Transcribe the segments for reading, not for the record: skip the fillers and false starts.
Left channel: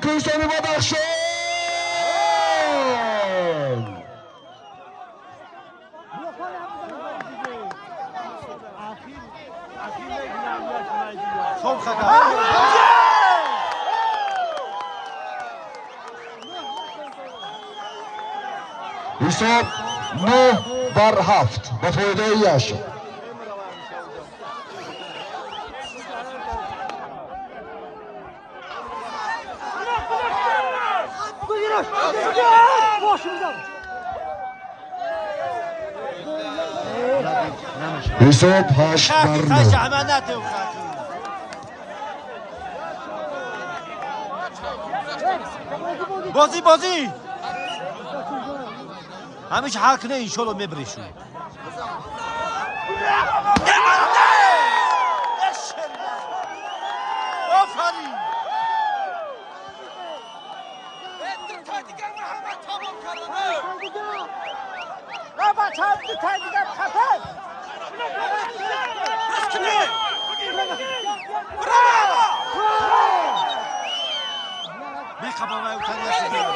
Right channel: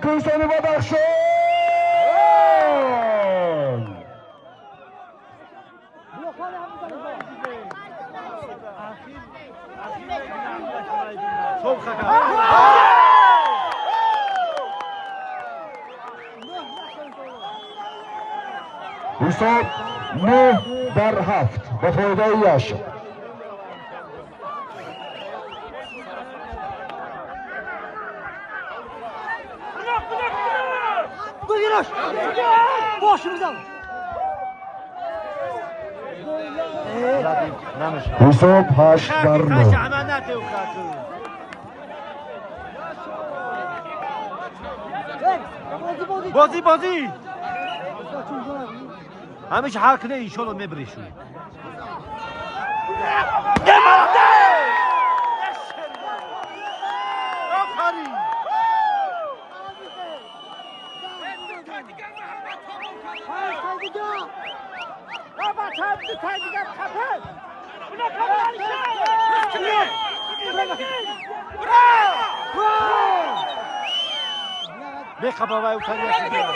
کوهستانی بدخشان. حساب 9-7 با فایده 8. حساب 8-9. بازی همیشه حل کنه انشالله میبریشون آفرین بخبا و اوتریه بیا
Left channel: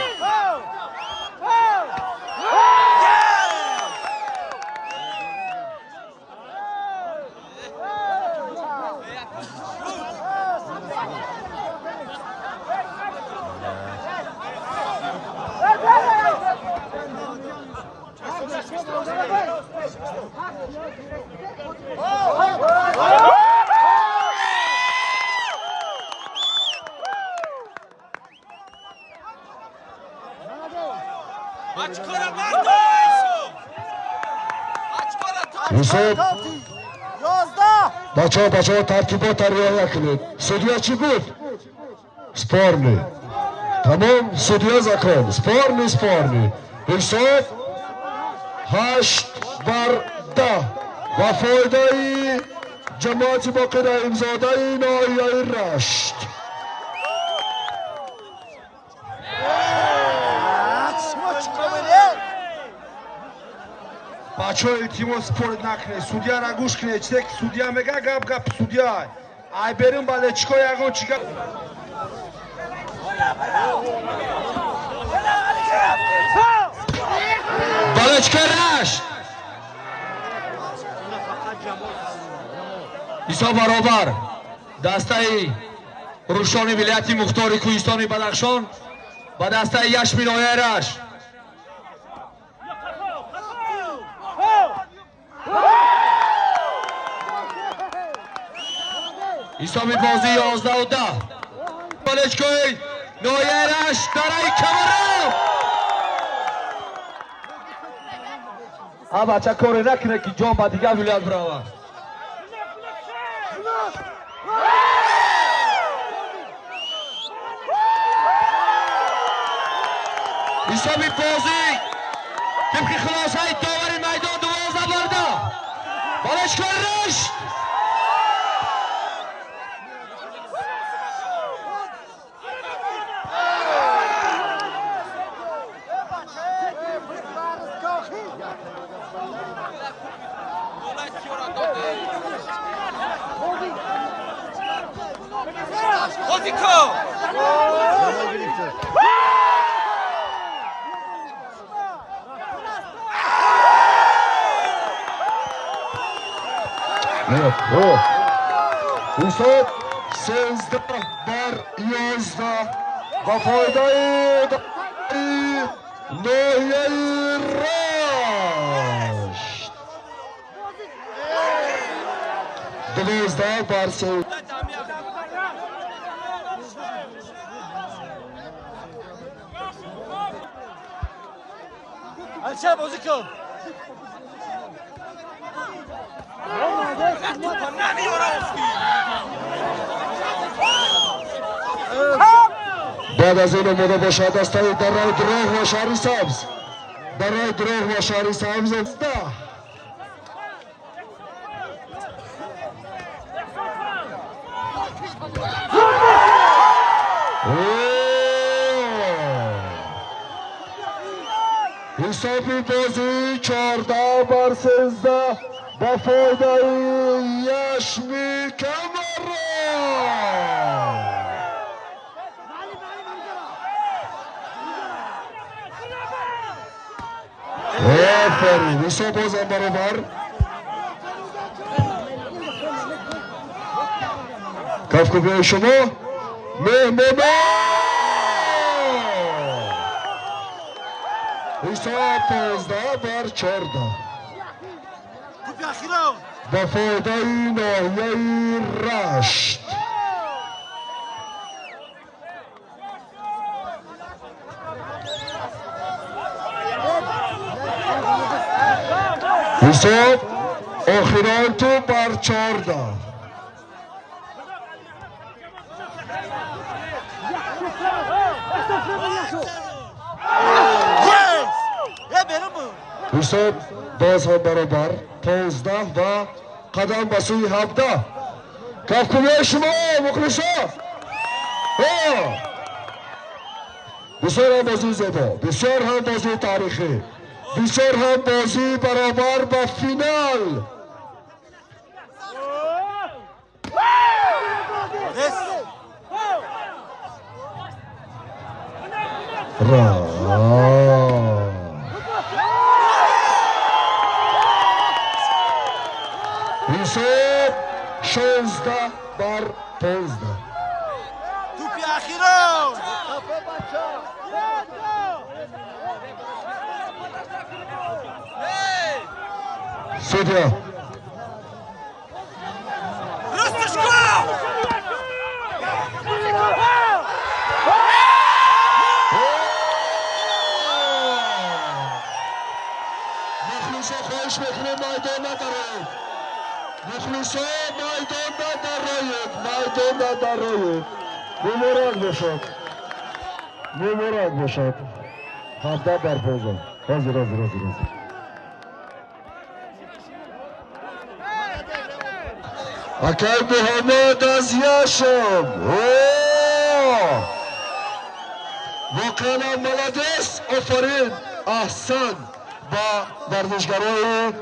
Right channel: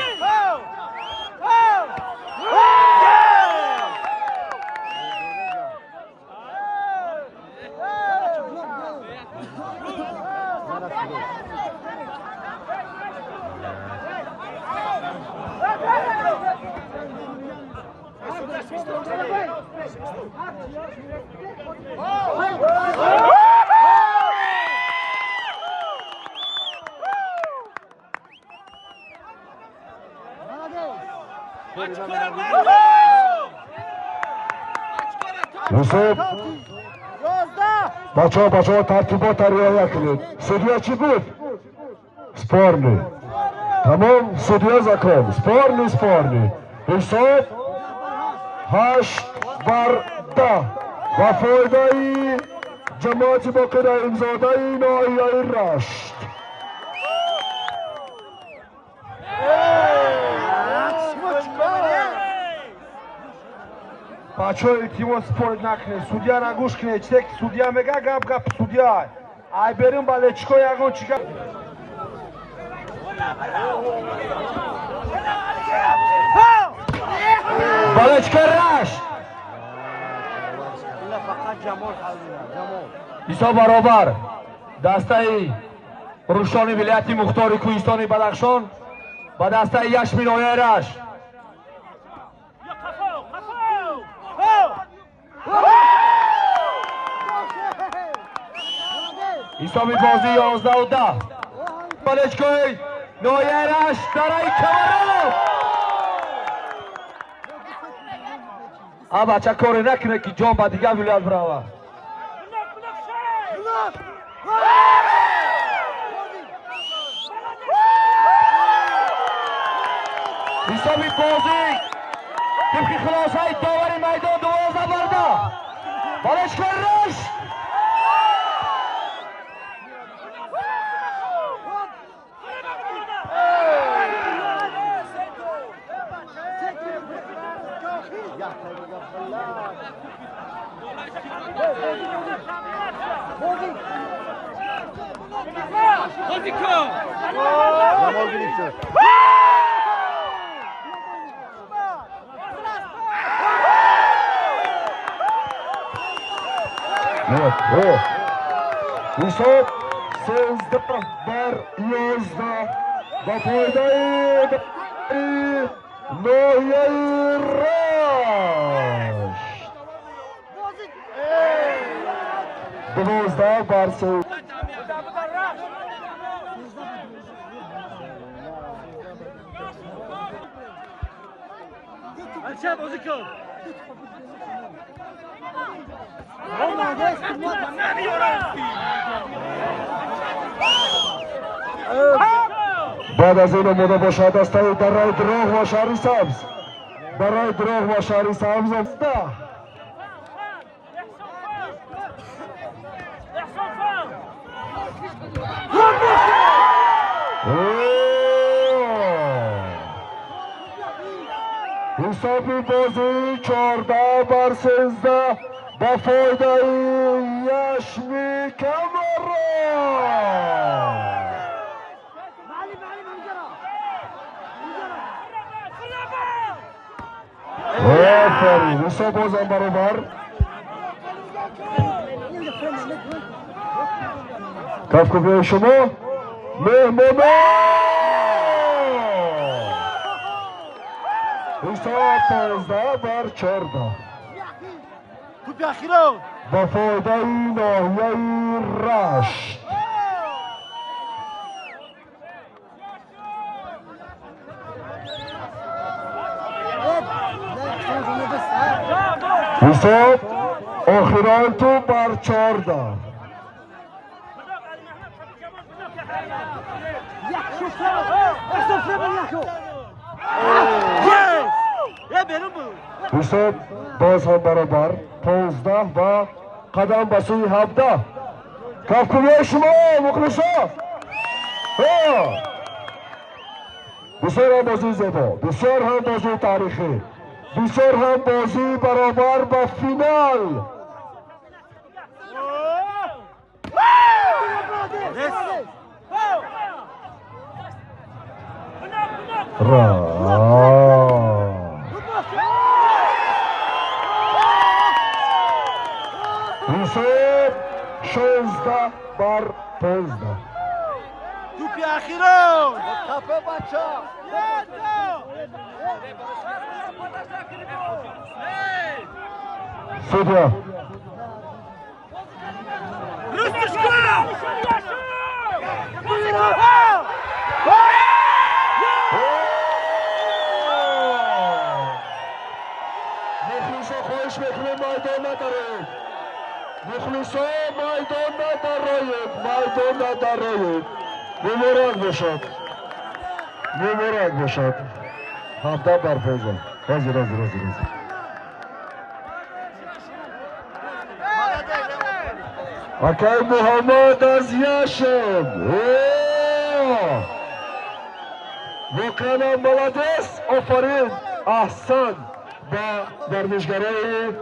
حساب بچه ها ترتیبات رعایت کنید. سودیا چی گفت؟ سپارنی. تمام سودیا زکان سپارنی. حساب 8-10 و فایده جماعت باقر امزاده ناحیه رشت. بچه های تیما سپورت نکنه، سودیا را گوش کنه. چه که سودیا میگه گپ سودیا ای بریم بالا چیکار یگان چیکار بالا چیکار رشت ایسا برابر دسته روشانی ولایتی مختار کوهستانی بدخشان با دسته یشمی ناحیه رشت. حسابی بازی 11-10 بالشگاه ناحیه رشت برای کمرام. بچه کاری نکنه که جان با دیگه ولایت براوه. حسابی بازی طبق خلاصه داوری میدان 12-10 بالشگاه رشت. حساب 13-11 با فایده ناحیه رشت. 12-3. الشاب بازی کن بعد از این آماده باشد دسته برای دراغ و شهری سبز حسابی بازی 14-13 با فایده یشمی کمران. آفرین ایسا بازم برابر کفکوبی شما مهمانا ایسا 15-14 توپ اخیران با فایده ناحیه رشت حساب آخران تو بر 14 یس برون بود حساب باز هم برابر 15 و قدم به سوی 17 کفکوبی شما مخلصا بسیار هم بازی زیبا بسیار هم بازی تاریخی بسیار هم بازی برابر به فینال حساب 16-15 توپ اخیران سودیا رستش کن مخلصا خواهش میکنم میدان ندارید مخلصا میدان ندارید مبارک باشد مبارک باشد 17 بر 15 حاضر اکای محمد از یاشم واقعا ملادس آفرین احسن با ورزشگرای